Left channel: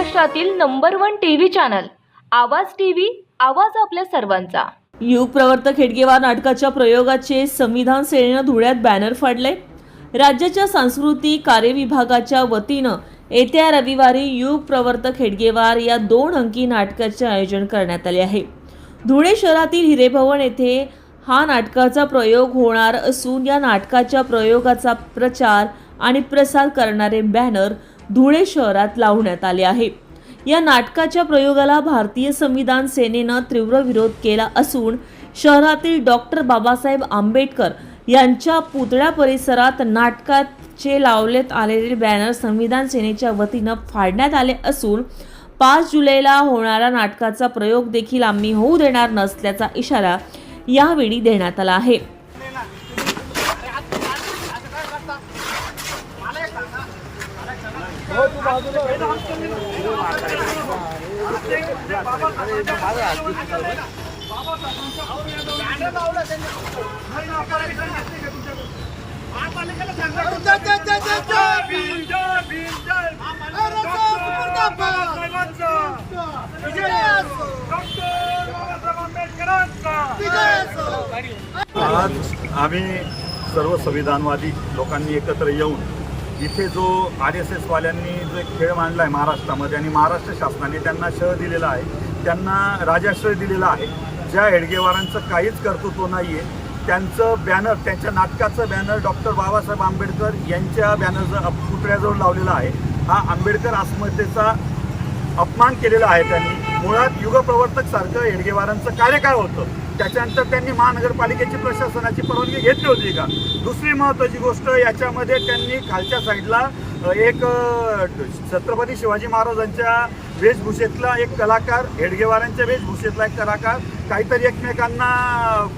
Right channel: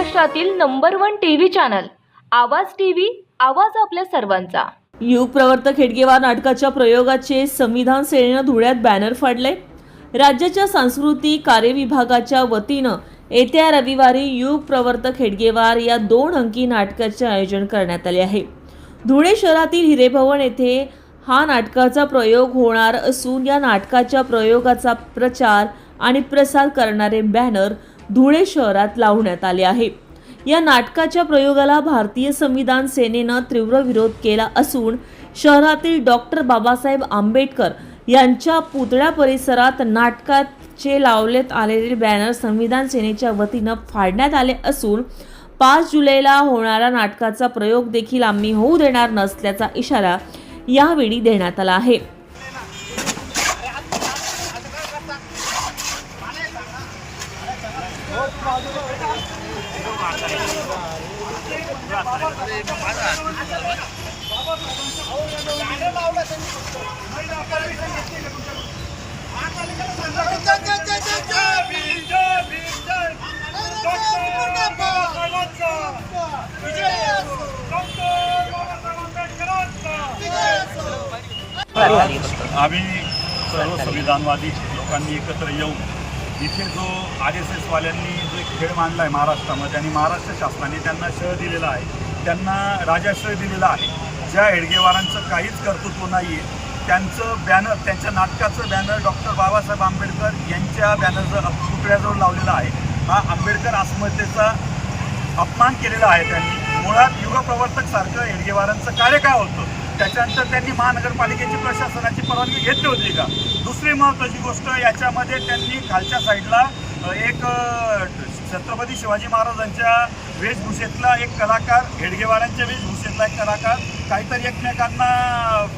महाराष्ट्रातील number 1 TV channel आवाज TV, आवाज आपल्या सर्वांचा। युग प्रवर्तक हेडगेवार नाटकाच्या प्रयोगाचे संविधान सेनेनं धुळ्यात बॅनर फाडले। राज्याच्या सांस्कृतिक कार्य विभागाच्या वतीनं येत्या रविवारी युग प्रवर्तक हेडगेवार या 2 अंकी नाटकाचे आयोजन करण्यात आले आहे। धुळे शहरातील हिरेभवन येथे हा नाटकाचा प्रयोग होणार असून या नाटकाच्या प्रयोगाचा प्रचार आणि प्रसार करणारे बॅनर धुळे शहरात लावण्यात आले आहे। या नाटकाच्या प्रयोगाला भारतीय संविधान सेनेनं तीव्र विरोध केला असून शहरातील डॉक्टर बाबासाहेब आंबेडकर यांच्या पुतळ्या परिसरात नाटकाचे लावण्यात आलेले बॅनर संविधान सेनेच्या वतीनं फाडण्यात आले असून 5 जुलैला होणारा नाटकाचा प्रयोग देखील आम्ही होऊ देणार नसल्याचा इशारा यावेळी देण्यात आला आहे। आम्ही सर्व संविधानवादी लोकांनी एकत्र येऊन इथे जो RSS वाल्यांनी जो एक खेळ मांडला आहे महाराष्ट्रामध्ये आणि महाराष्ट्र शासनाने त्यांना शह दिलेला आहे, त्यांना राजाश्रय दिलेला आहे। ज्या हेडगेवारांचं काहीच कर्तृत्व नाही आहे त्यांचं बॅनर, त्यांच्या नाटकाचं बॅनर डॉक्टर बाबासाहेब आंबेडकर यांच्या बॅनरचं पुतळ्याजवळ लावलेला आहे। हा आंबेडकर अस्मितेचा अपमान केलेला आहे त्यांनी। मुळात युगप्रवर्तक सारखं हेडगेवारांचं कार्य काय होतं त्याच्यानंतर त्यांनी महानगरपालिकेची प्रशासनाची परवानगी घेतली होती का? दुसरी महत्त्वाची गोष्ट, याच्यामध्ये त्यांनी खालच्या साईडला एक छत्रपती शिवाजी महाराजांच्या वेशभूषेतला एक कलाकार, हेडगेवारांच्या वेशभूषेतला एक कलाकार काहीतरी एकमेकांना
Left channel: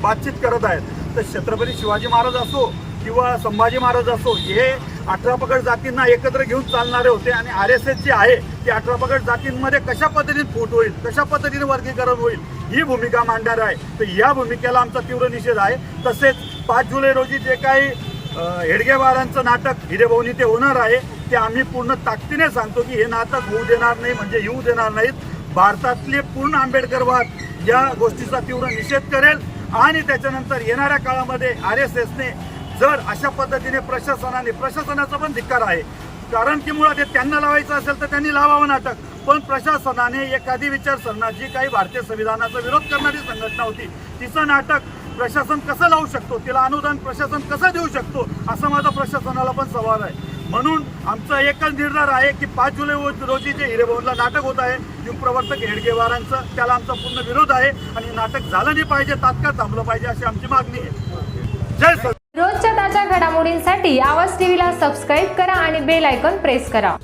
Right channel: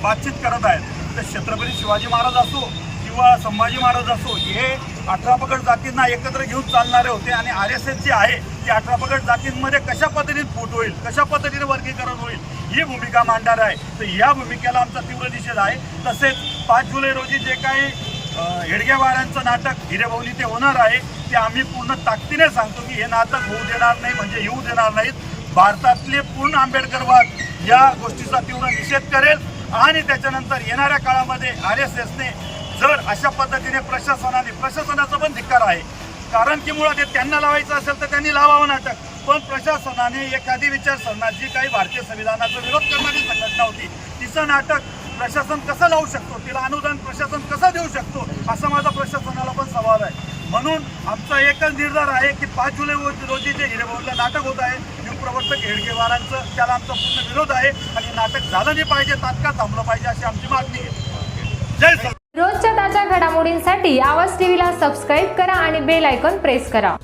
बातचीत करत आहेत। तर छत्रपती शिवाजी महाराज असो किंवा संभाजी महाराज असो, हे 18 पगड जातींना एकत्र घेऊन चालणारे होते आणि RSS जी आहे ती 18 पगड जातींमध्ये कशा पद्धतीने फूट होईल, कशा पद्धतीने वर्गीकरण होईल ही भूमिका मांडणार आहे। तर या भूमिकेला आमचा तीव्र निषेध आहे। तसेच 5 जुलै रोजी जे काही हेडगेवारांचं नाटक हिरेभवन इथे होणार आहे ते आम्ही पूर्ण ताकदीने सांगतो की हे नाटक होऊ देणार नाही, म्हणजे येऊ देणार नाहीत। भारतातले पूर्ण आंबेडकरवाद या गोष्टीचा तीव्र निषेध करेल आणि त्याच्यानंतर येणाऱ्या काळामध्ये RSSने जर अशा पद्धतीने प्रशासनाचा पण धिक्कार आहे, कारण की मुळात हे त्यांना लावायचं असेल तर त्यांनी लावावं नाटक, पण प्रशासनाने एखादी विचारसरणी जी काही भारतीय संविधानाचा विरोध करणारी संघटना होती तिचं नाटक प्रशासन कसं लावू शकतो, तिला अनुदान प्रशासन कसं देऊ शकतो, असा माझा प्रशासनाला पण सवाल आहे। म्हणून आमचा एकच निर्धार आहे की 5 जुलै रोजी जे हिरेभवनला नाटक होत आहे युगप्रवर्तक हेडगेवारांचं, त्याला आमचा पूर्ण विरोध आहे आणि नाटक झालं नाही पाहिजे, तात्काळ थांबलं पाहिजे अशी आमची मागणी आहे। जय सर। रोजच्या ताज्या घडामोडींसाठी आवाज टीव्हीला सबस्क्राईब करा आणि बेल आयकॉन प्रेस करा।